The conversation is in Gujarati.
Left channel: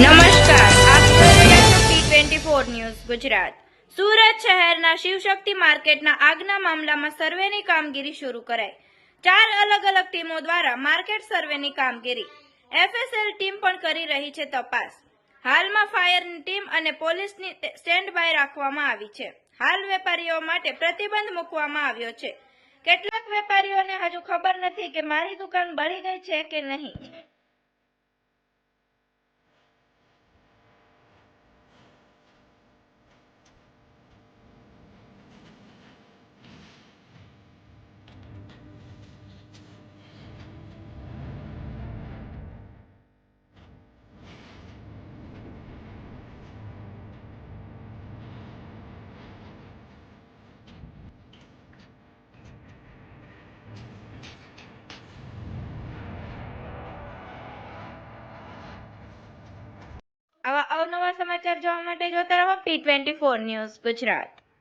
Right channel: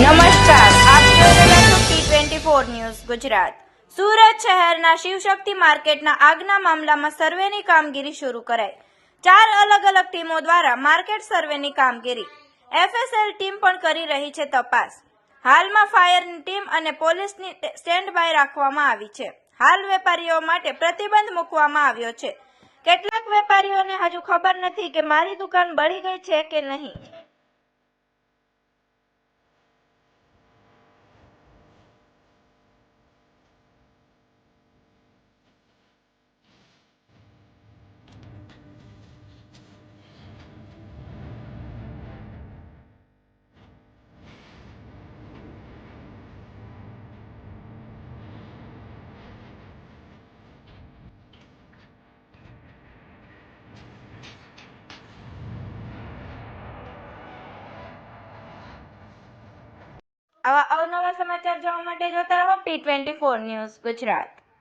નમસ્કાર, આપ જોઈ રહ્યા છો T24 ન્યૂઝ ગુજરાત। સુરત શહેરના શિવશક્તિ માર્કેટના આગના મામલામાં સર્વેની કામગીરી શરૂ કરાઈ। 4 અલગ અલગ ટીમો દ્વારા માર્કેટ સર્વેની કામગીરી FSL ટીમ પણ કરી રહી છે તપાસ। હાલમાં ફાયરની ટીમ અને પોલીસની સ્ટેન્ડ બાય રાખવામાં આવી છે। હાલ વેપારીઓ માટે પ્રતિબંધ મૂકવામાં આવ્યો છે। કેટલાક વેપારીઓને હજુ ખબર નથી કે મારી દુકાન બળી ગઈ છે કે નહીં। આવા અવનવા સમાચાર જોવા માટે જોતા રહો T24 ન્યૂઝ ગુજરાત।